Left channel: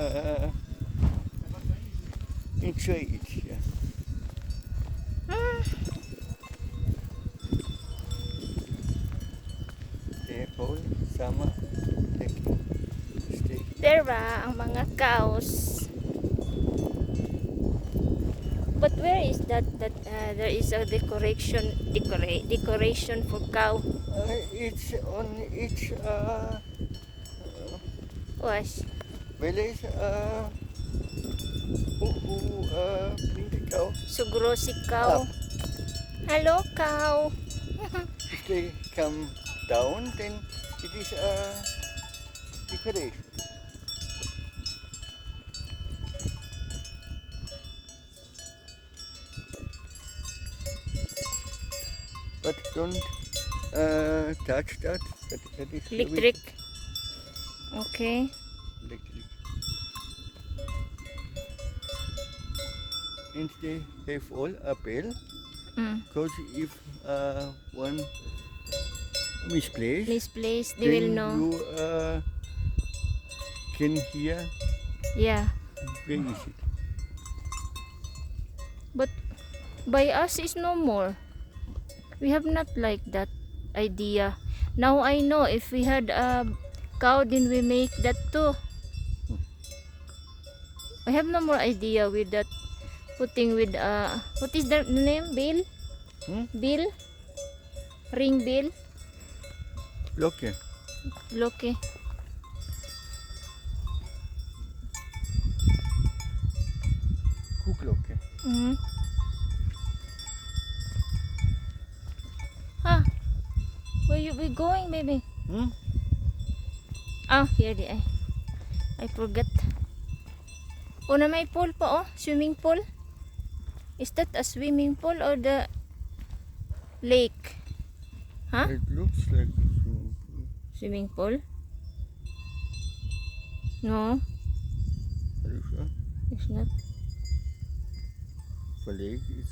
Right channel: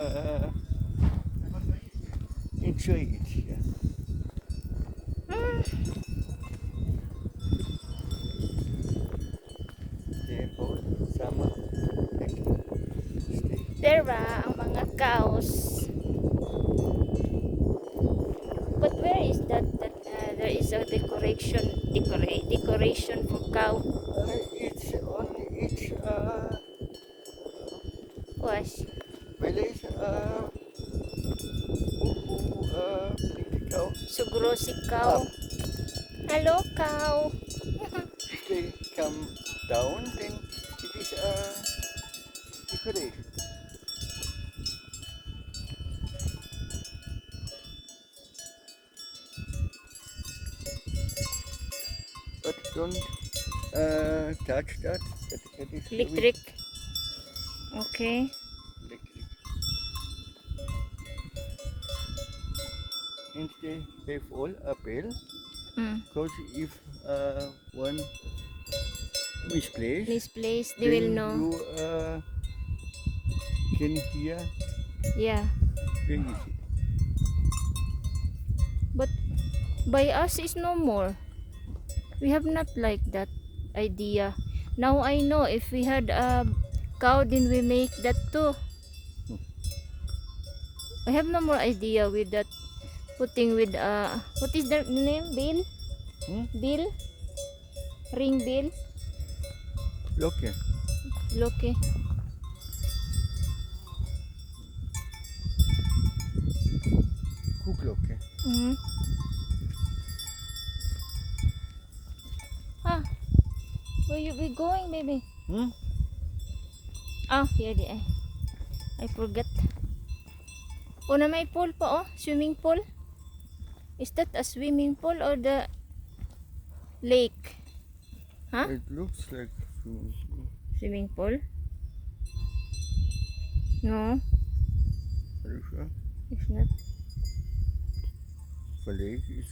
uh, enjoy it. Yeah. Therefore, summer stay. There ba ang mga cows? But where is that there is a decoration for cow? It's on each Was well, it's little cow. sugro si cow. Hello cow. If they come down, then it is decoration. But don't touch that. That is Electric. Okay. electric. And they have all a bell. Because if one misplace, Misplaced, they will then know. you can hear Yeah. very easy. But by us is no more. We have not like that idea. Now I know if we had a cow, then we make that too. I have no more idea with that putting with what is the name? Bill? Bill? Ring bill? Okay. Loki. Cook okay. Ah, where you be going, baby? Ah, here di ay. I forgot. Oh, na may pool pa oh, swimming pool. Is that a swimming pool or the lake? Huh? It looks like Swimming pool? No, are you sure? it's not. The lake is